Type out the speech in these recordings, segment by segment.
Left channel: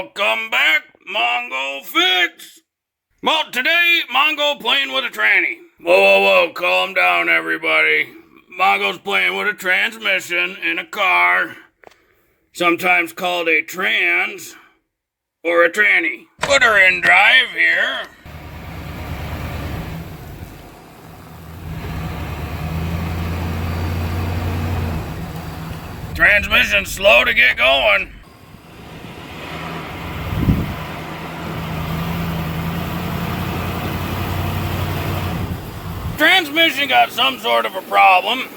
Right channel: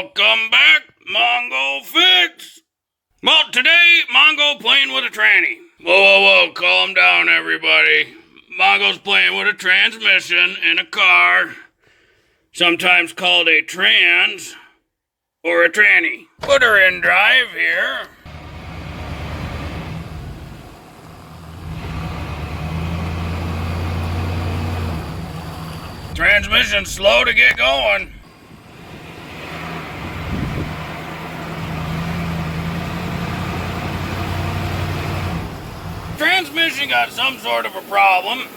Welcome back, Mongo Fix. Well, today, Mongo playing with a tranny. Whoa, calm down, everybody. Mongo's playing with a transmission in a car, sometimes called a trans or a tranny. Put her in drive here. Transmission's slow to get going. Transmission got some sort of a problem.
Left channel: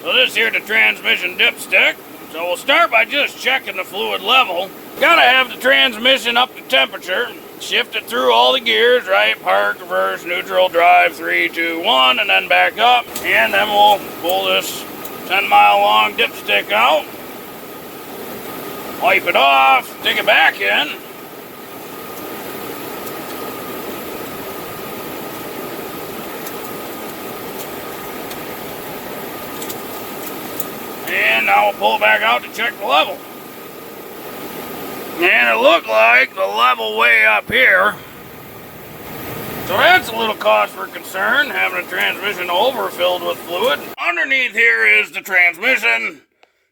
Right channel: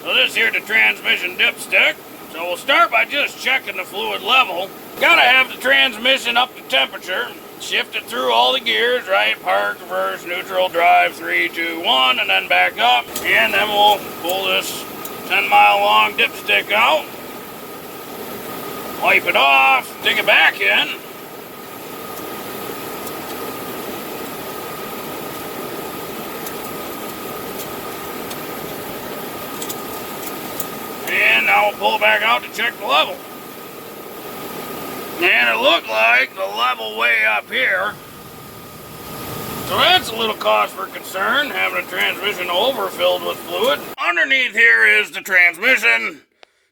So this here the transmission dipstick. So we'll start by just checking the fluid level. Gotta have the transmission up to temperature. Shift it through all the gears, right? Park, reverse, neutral, drive, 3, 2, 1, and then back up. And then we'll pull this 10-mile long dipstick out. Wipe it off, stick it back in. And now we'll pull it back out to check the level. And it looked like the level way up here. So that's a little cause for concern, having a transmission overfilled with fluid. Underneath here is the transmission.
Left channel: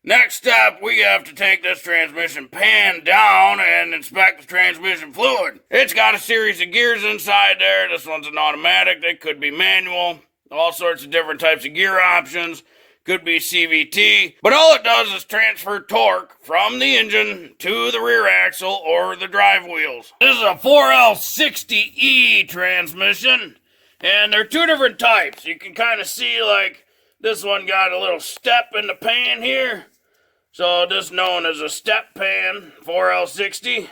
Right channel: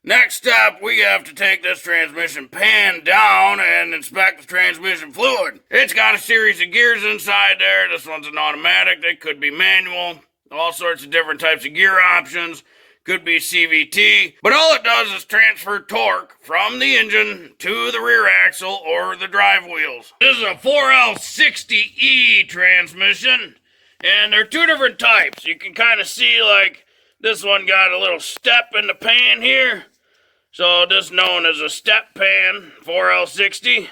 Next up, we have to take this transmission pan down and inspect the transmission fluid. It's got a series of gears inside there. This one's an automatic. It could be manual. All sorts of different types of gear options. Could be CVT, but all it does is transfer torque from the engine to the rear axle or the drive wheels. This is a 4L60E transmission, and there are two different types. You can kind of see like this one got a little step in the pan here, so this is known as a step pan, 4L60.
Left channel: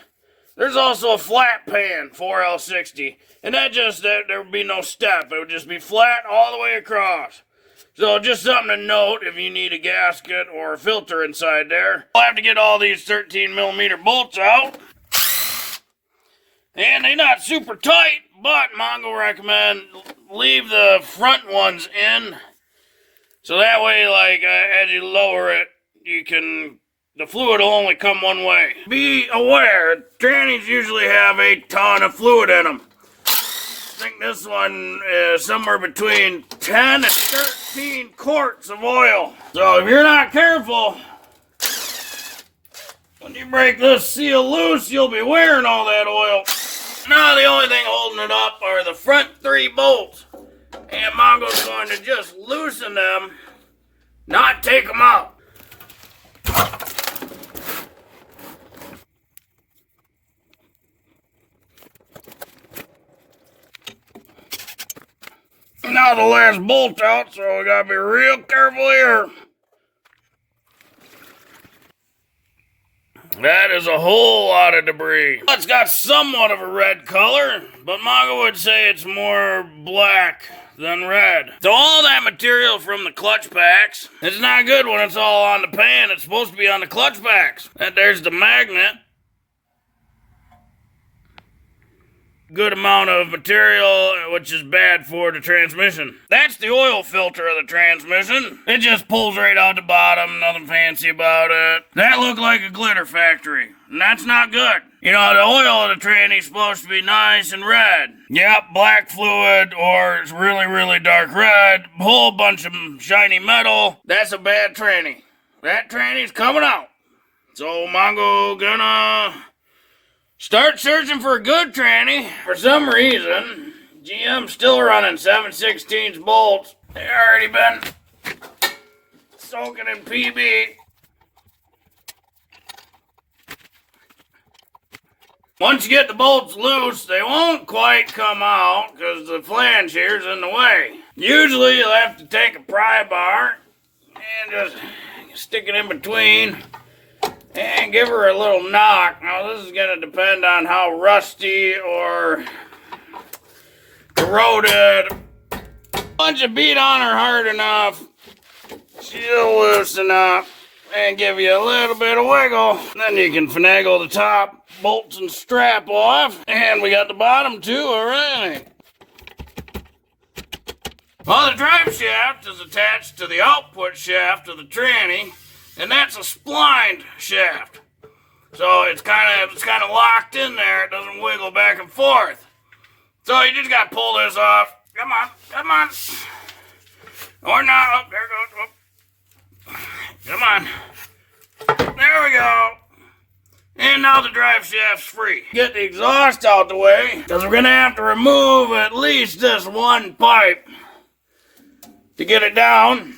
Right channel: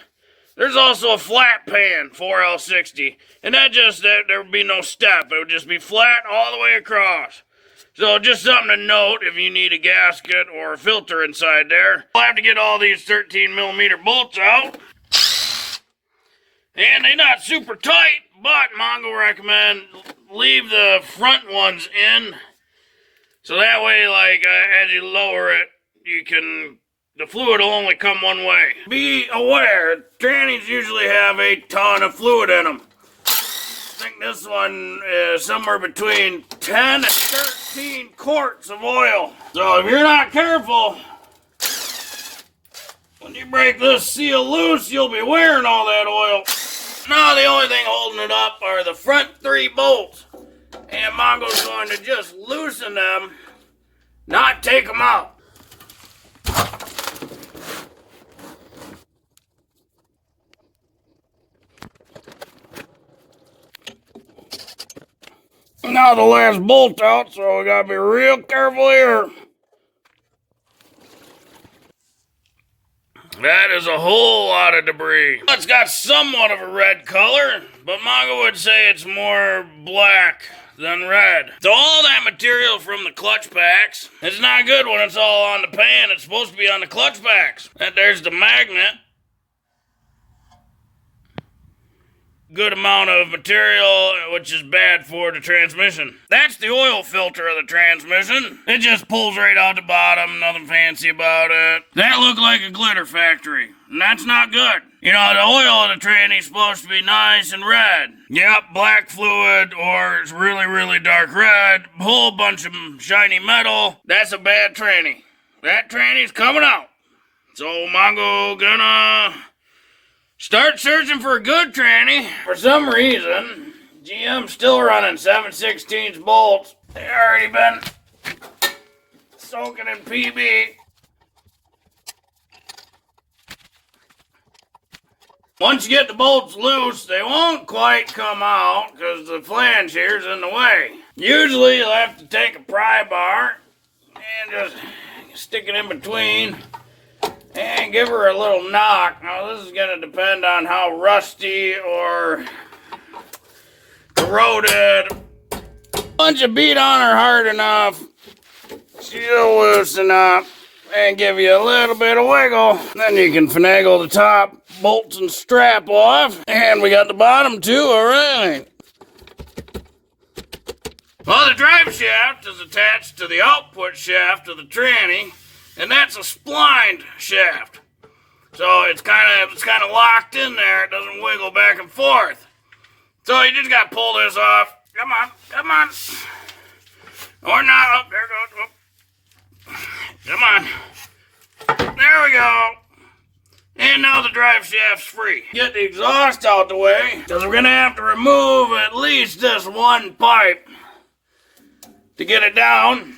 There's also a flat pan, 4L60, and there would be no step. It would just be flat all the way across. So just something to note if you need a gasket or a filter inside there. We'll have to get all these 13mm bolts out. And they're not super tight, but Mongo recommend leave the front ones in. So that way, like, as you lower it, the fluid will only come one way. Be aware, trannies usually have a ton of fluid in them. I think this one is somewhere between 10 and 13 quarts of oil. So if you're not careful, when you break this seal loose, you'll be wearing all that oil. Now the only thing holding it up are the front 3 bolts. And Mongo's going to just loosen them, not take them out. Now the last bolt out, so we gotta be real careful here. That is a whole lot of debris. It's got somewhat of a red color, but Mongo would say it's more black than red. So all that material from the clutch packs, it's not good when it's all on the pan. It's supposed to be on the clutch packs. And there's the magnet. Good amount of material, which is bad for the transmission. That's the oil filter of the transmission. It just pulls right out the bottom, nothing fancy about it. That looked like a glitter factory, and that's not good. You know, the oil of the tranny's supposed to be nice and red. Yep, black fluid, or it's really, really dark red, a whole bunch of shiny metal. That's a bad tranny. That tranny's coming out. So Mongo gonna start searching for a good tranny. For some reason, GM's still running 7/16 bolts. They already been soaking in PB. Once you get the bolts loose, they won't quite come out because the flange here is in the way. Usually you'll have to take a pry bar and just stick it in between and give her a little knock. Now this is going to depend on how rusty or corroded. Once you beat on her hard enough, she'll loosen up and give you a little bit of wiggle. Then you can finagle the top bolts and strap off. And we got the bottom too, alright. Well, the drive shaft is attached to the output shaft of the tranny, and that's a splined shaft. So it's kind of locked in there. It doesn't wiggle back and forth. So you just got to pull this off. Come on, come on. Or not. Oh, there it goes. Oh. Come on. There we go. And now the drive shaft's free. Get the exhaust out the way, because we're going to have to remove at least this one pipe to get it down.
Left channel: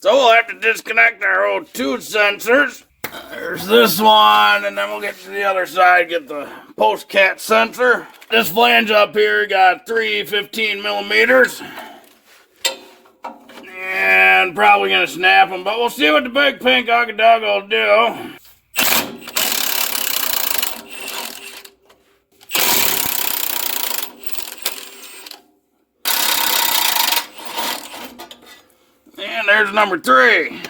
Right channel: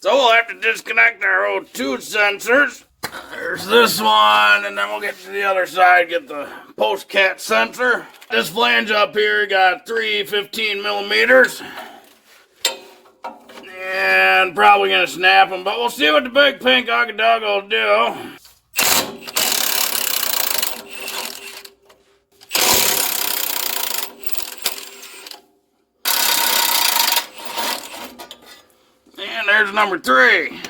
So we'll have to disconnect our O2 sensors. There's this one, and then we'll get to the other side, get the post-cat sensor. This flange up here got 3 15 millimeters. And probably going to snap them, but we'll see what the big pink dog will do. And there's number 3.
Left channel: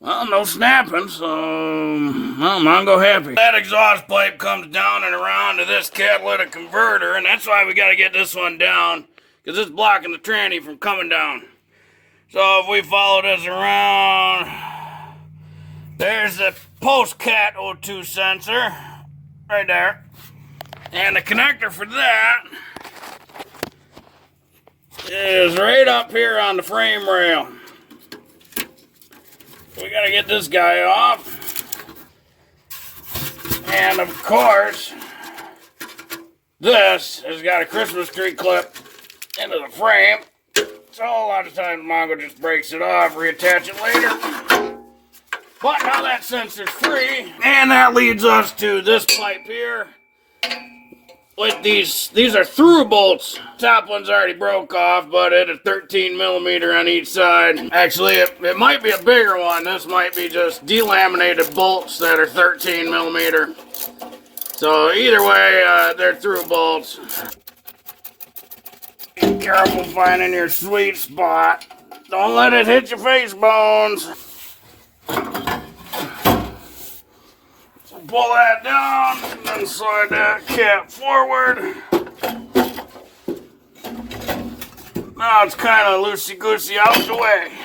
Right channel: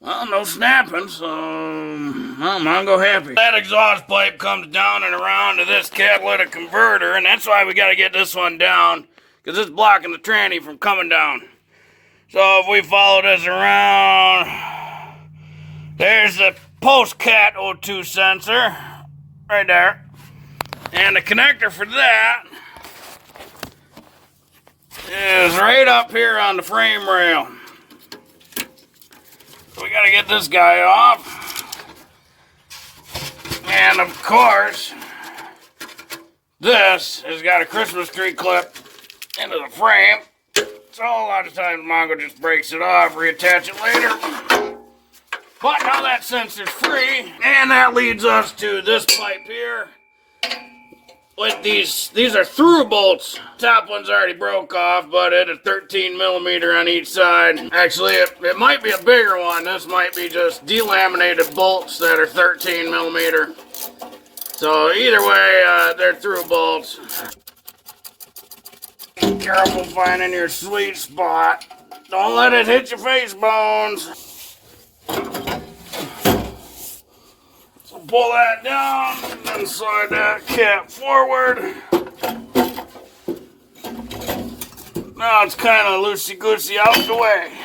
Well, no snapping, so well, I'm go happy. That exhaust pipe comes down and around to this catalytic converter, and that's why we got to get this one down, because it's blocking the tranny from coming down. So if we follow this around, there's the post-cat O2 sensor right there, and the connector for that is right up here on the frame rail. We gotta get this guy off. And of course, this has got a Christmas tree clip into the frame. So a lot of times Mongo just breaks it off, reattach it later. But now that sensor's free, and that leads us to this pipe here. With these are through bolts. Top one's already broke off, but it is 13 millimeter on each side. Actually, it might be a bigger one. This might be just delaminated bolts that are 13 millimeter. So either way, they're through bolts. Be careful finding your sweet spot. Don't let it hit your face bones. Pull that down and then slide that cap forward. Now it's kind of loosey-goosey out the way.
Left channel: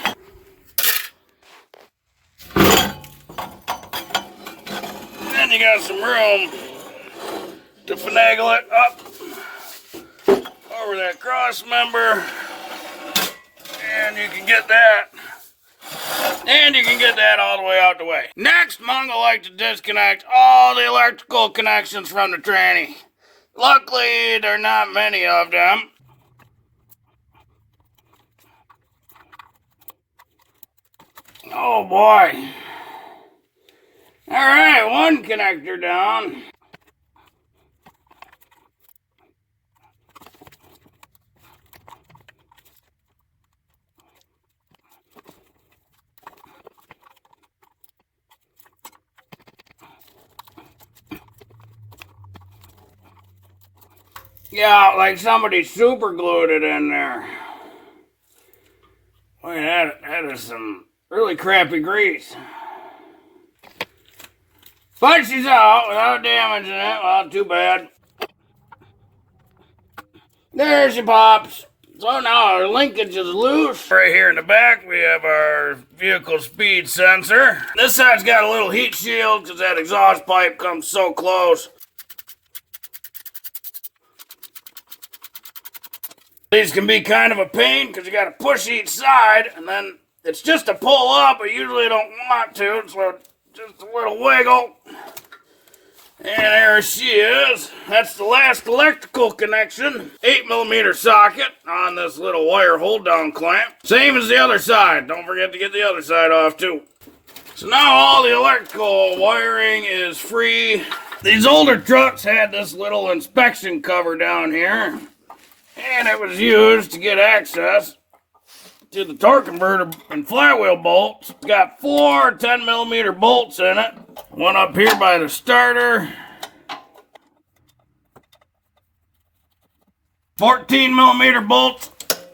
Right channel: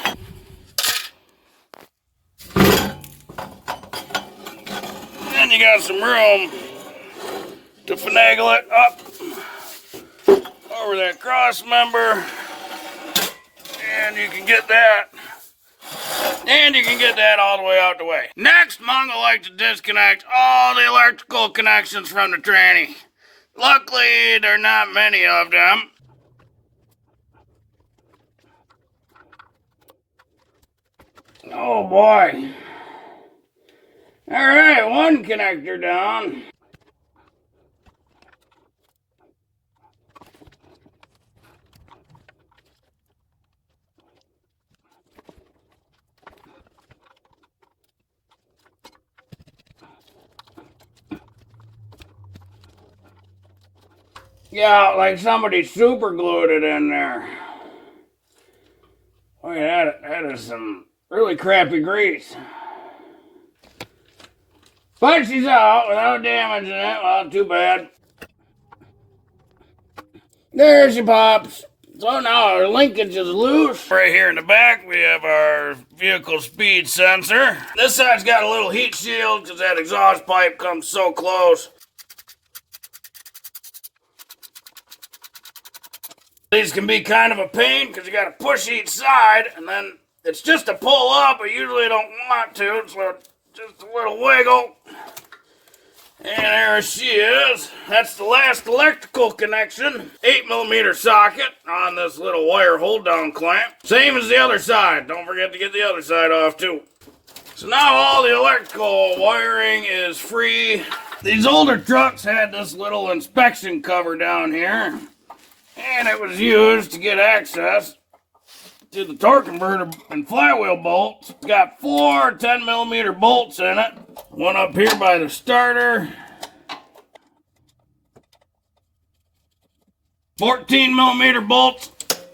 Then you got some room to finagle it up over that crossmember, and you can get that. And you can get that all the way out the way. Next, Mongo likes to disconnect all the electrical connections from the tranny. Luckily, there are not many of them. Oh boy. Alright, one connector down. Yeah, like somebody super glued it in there. Boy, that is some really crappy grease. But she's out without damaging it. Well, too bad. There she pops. So now our linkage is loose. Right here in the back, we have our vehicle speed sensor. This side's got a little heat shield because that exhaust pipe comes so close. These can be kind of a pain because you got to push each side, and then it's just a pull up, but usually you don't want to, so just a little wiggle. And there she is. That's the last electrical connection. 8 millimeter socket on this little wire hold down clamp. Same as the other side. Don't forget to get the other side off too. So now all the electrical wiring is free. These older trucks had this little inspection cover down here, and it was used to get access to the torque converter and flywheel bolts. It's got 4 10 millimeter bolts in it. One up here by the starter. 14 millimeter bolts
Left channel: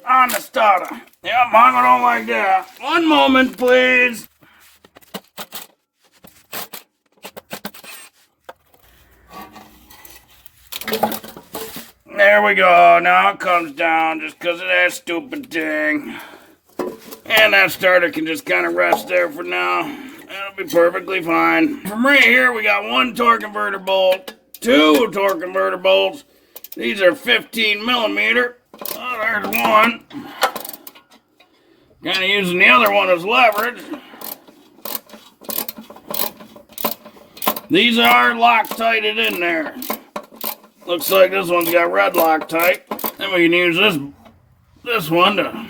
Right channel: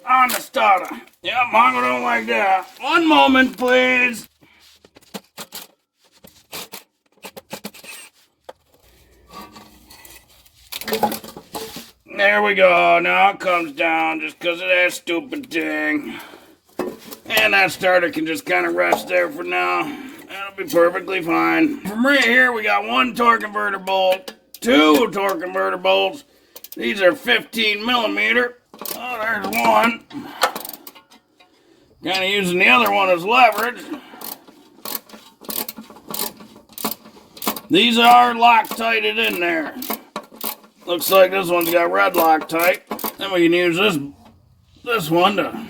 on the starter. Yeah, Mongo don't like that. One moment, please. There we go. Now it comes down just because of that stupid thing. And that starter can just kind of rest there for now. That'll be be perfectly fine. From right here, we got one torque converter bolt, two torque converter bolts. These are 15 millimeter. Oh, there's one. Kind of using the other one as leverage. These are Loctited in there. Looks like this one's got red Loctite. Then we can use this one to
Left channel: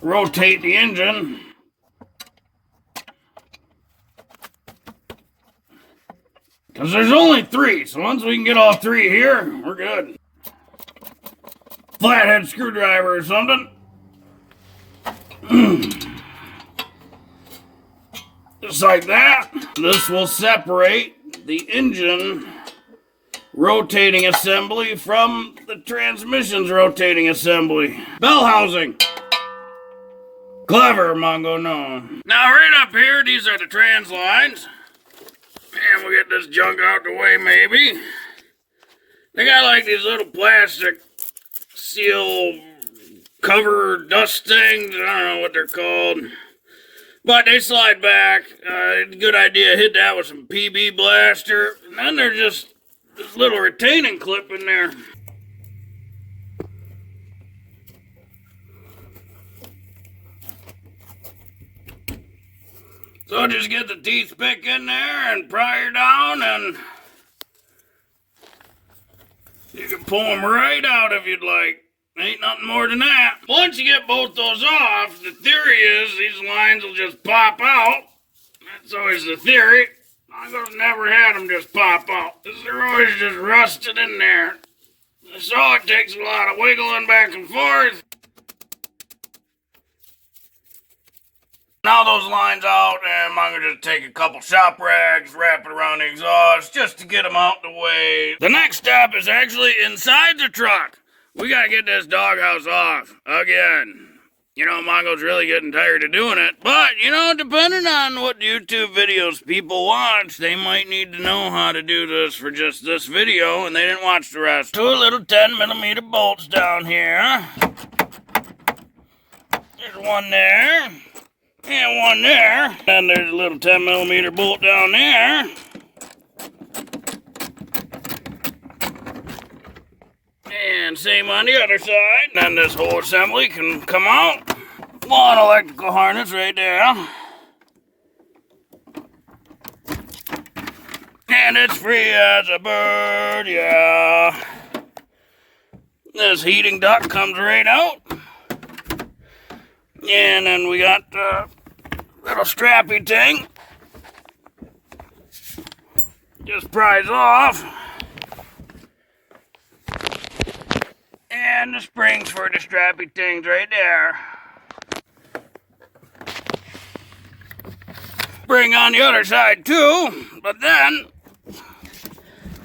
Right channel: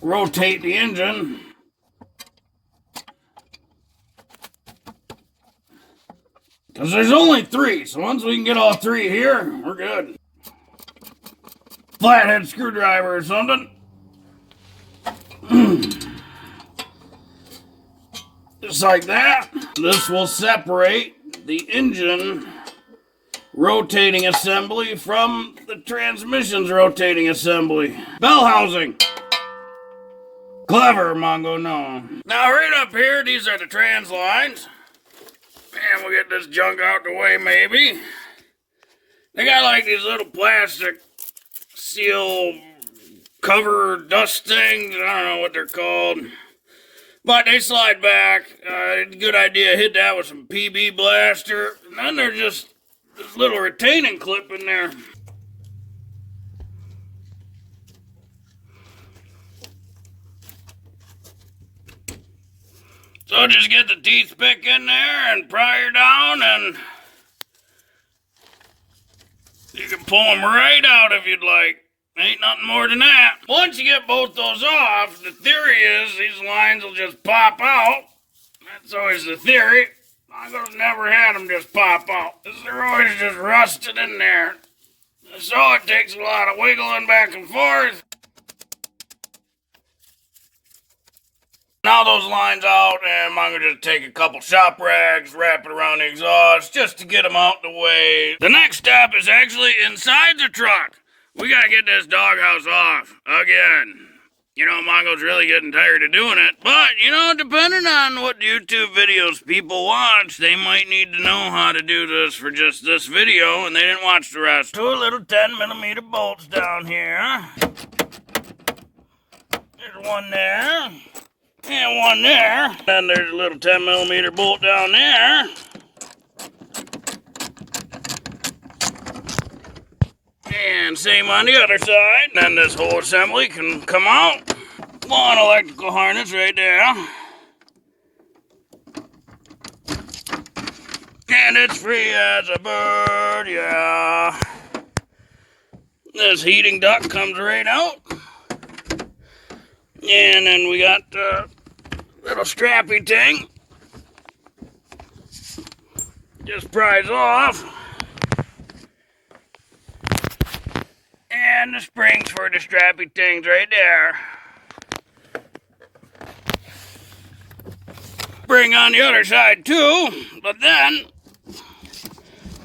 rotate the engine. Because there's only three, so once we can get all three here, we're good. Flathead screwdriver or something. Just like that. This will separate the engine rotating assembly from the transmission's rotating assembly. Bell housing. Clever, Mongo, no. Now right up here, these are the trans lines. And we'll get this junk out the way, maybe. They got like these little plastic seal cover dust things. I don't know what they're called. But they slide back. Good idea, hit that with some PB blaster. And then there's just this little retaining clip in there. So just get the teeth pick in there and pry her down, and you can pull them right out if you'd like. Ain't nothing more than that. Once you get both those off, the theory is these lines will just pop out. That's always the theory. I've never had them just pop out. They're always just rusted in there. So it takes a lot of wiggling back and forth. Now those lines out, and I'm gonna just take a couple shop rags, wrap it around the exhaust, just to get them out the way. The next step is actually inside the truck. We gotta get this doghouse off again. You know, Mongo's really getting tired of doing it. But, you know, depending on what YouTube videos people watch, they might need to know how to do this for just this video, and they didn't watch the rest. Two little 10 millimeter bolts down here. There's one there. And one there. And there's a little 10 millimeter bolt down there. And same on the other side. Then this whole assembly can come out. One electrical harness right there. And it's free as a bird, yeah. This heating duct comes right out. And then we got the little strappy thing. Just pries off. And the springs for the strappy things right there. Spring on the other side too, but then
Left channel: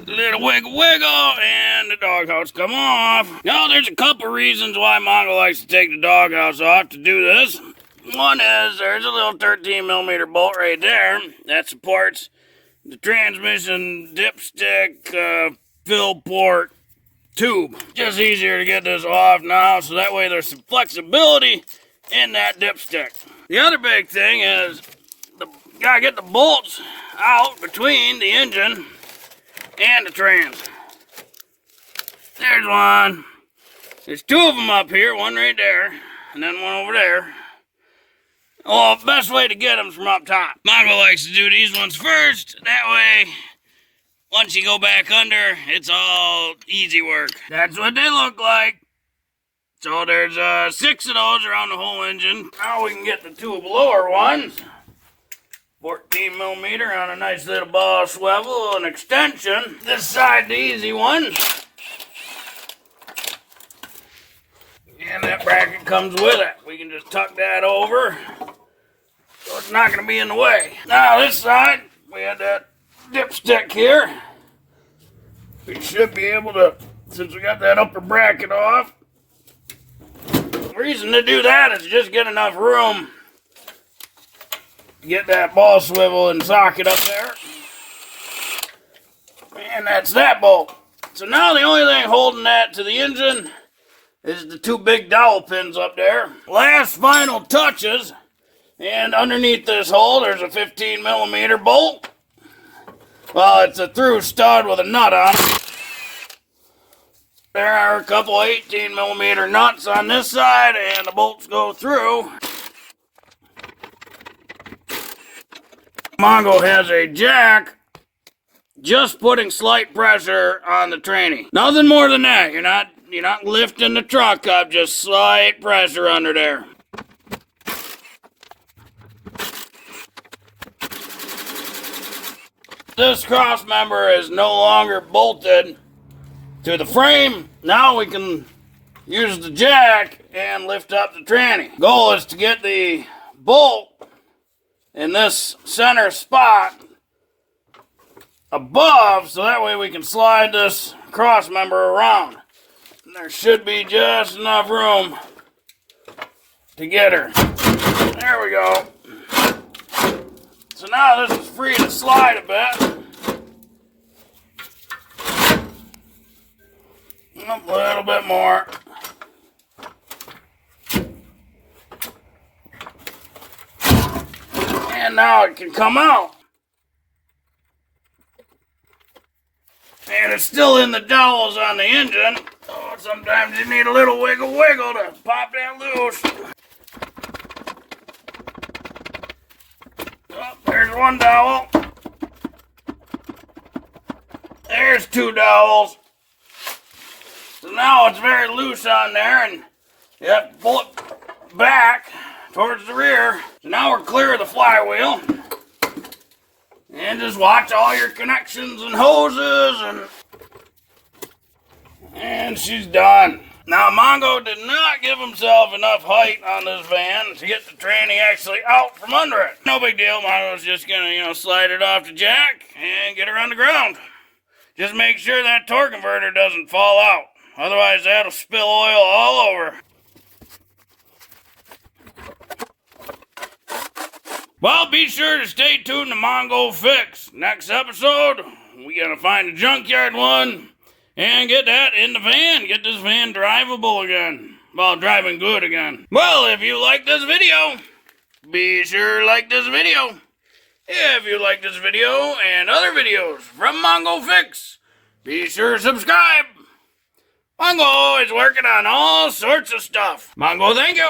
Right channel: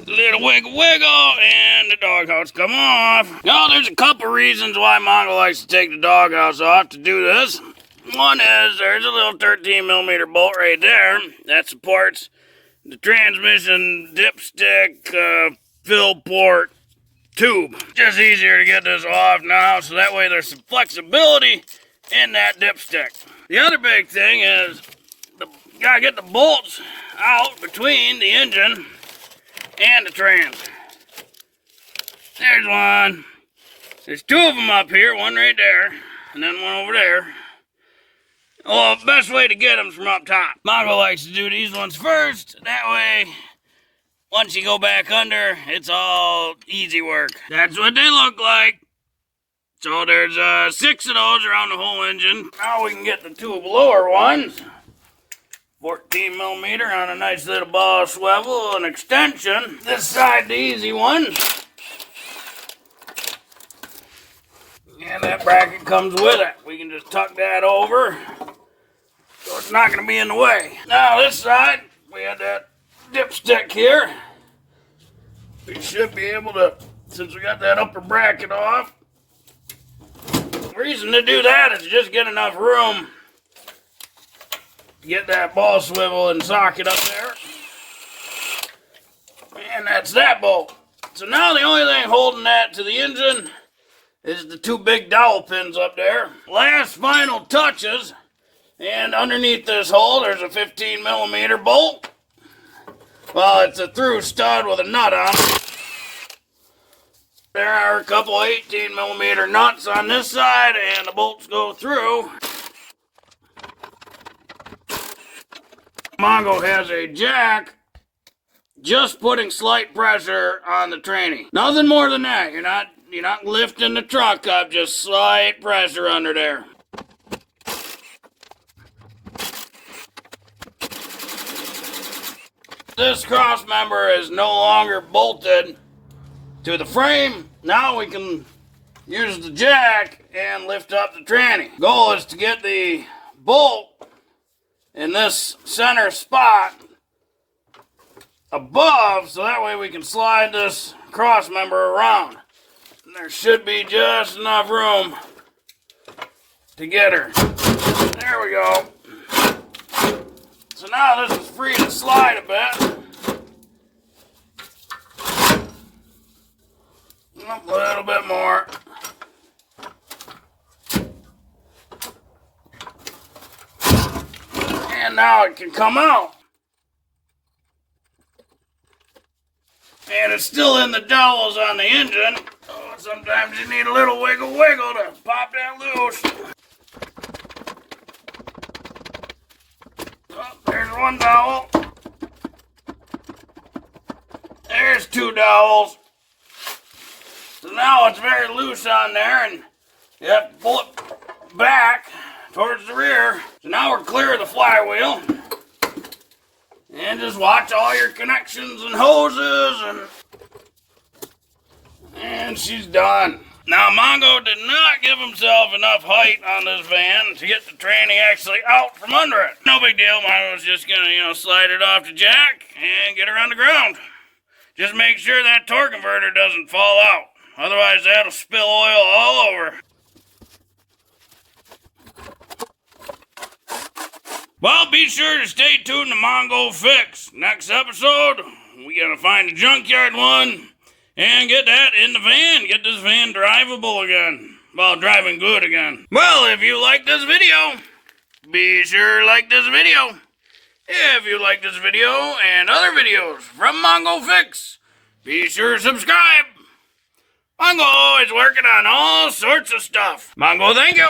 little wiggle and the doghouse come off. Now there's a couple reasons why Mongo likes to take the doghouse off to do this. One is there's a little 13 millimeter bolt right there that supports the transmission dipstick fill port tube. Just easier to get this off now, so that way there's some flexibility in that dipstick. The other big thing is you gotta get the bolts out between the engine and the trans. There's one. There's two of them up here, one right there, and then one over there. Well, the best way to get them is from up top. Mongo likes to do these ones first. That way, once you go back under, it's all easy work. That's what they look like. So there's 6 of those around the whole engine. Now we can get the two lower ones. 14 millimeter on a nice little ball swivel, an extension. This side, the easy one. And that bracket comes with it. We can just tuck that over, so it's not going to be in the way. Now this side, we have that dipstick here. We should be able to, since we got that upper bracket off. The reason to do that is just get enough room to get that ball swivel and socket up there. And that's that bolt. So now the only thing holding that to the engine is the two big dowel pins up there. Last final touches And underneath this hole, there's a 15 millimeter bolt. Well, it's a through stud with a nut on it. There are a couple 18 millimeter nuts on this side, and the bolts go through. Mongo has a jack, just putting slight pressure on the tranny. Nothing more than that. You're not lifting the truck up, just slight pressure under there. This cross member is no longer bolted to the frame. Now we can use the jack and lift up the tranny. Goal is to get the bolt in this center spot above, so that way we can slide this cross member around. And there should be just enough room to get her. There we go. So now this is free to slide a bit. A little bit more. And now it can come out. And it's still in the dowels on the engine. So sometimes you need a little wiggle to pop that loose. Oh, there's one dowel. There's two dowels. So now it's very loose on there, and you have to pull it back towards the rear. So now we're clear of the flywheel. And just watch all your connections and hoses, and she's done. Now Mongo did not give himself enough height on this van to get the tranny actually out from under it. No big deal. Mongo's just gonna, slide it off the jack and get her on the ground. Just make sure that torque converter doesn't fall out. Otherwise that'll spill oil all over. Well, be sure to stay tuned to Mongo Fix. Next episode, we gotta find a junkyard one and get that in the van. Get this van drivable again. Well, driving good again. Well, if you like this video, be sure to like this video. If you like this video and other videos from Mongo Fix, be sure to subscribe. Mongo is working on all sorts of stuff. Mongo, thank you.